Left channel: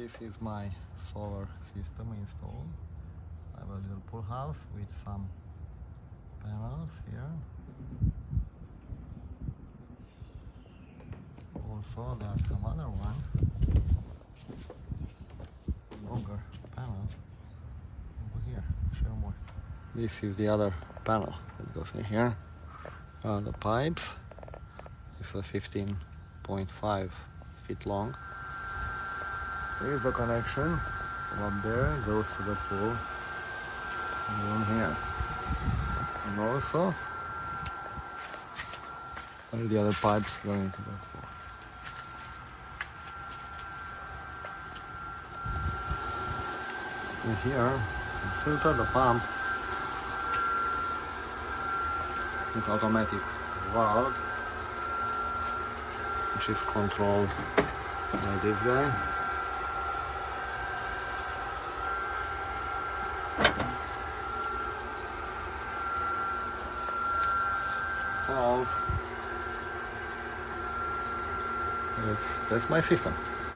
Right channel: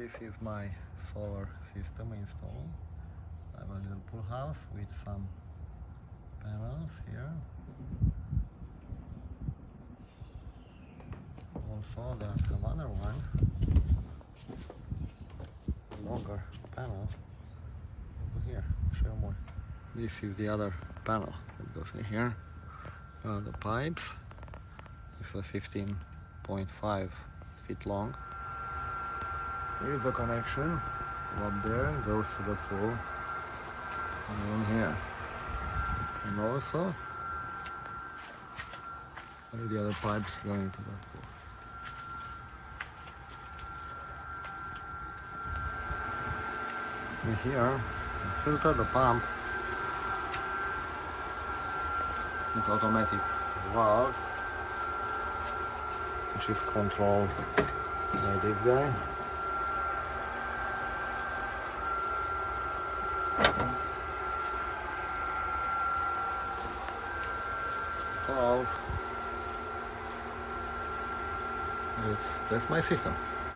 this is my solar system installed. I have a little pool house with some panels here. Also there are some other ones, longer panels over here. I'll show you more. This is the other panel that goes in here. The pipes. This is a 15.5 feet long. There is a connection up there, goes to the pool, and one here. And also, all the other pipes going into the pool. And here, the filter, the pump, this automatic valve, which is controlled by this guy. Valve. That's my system.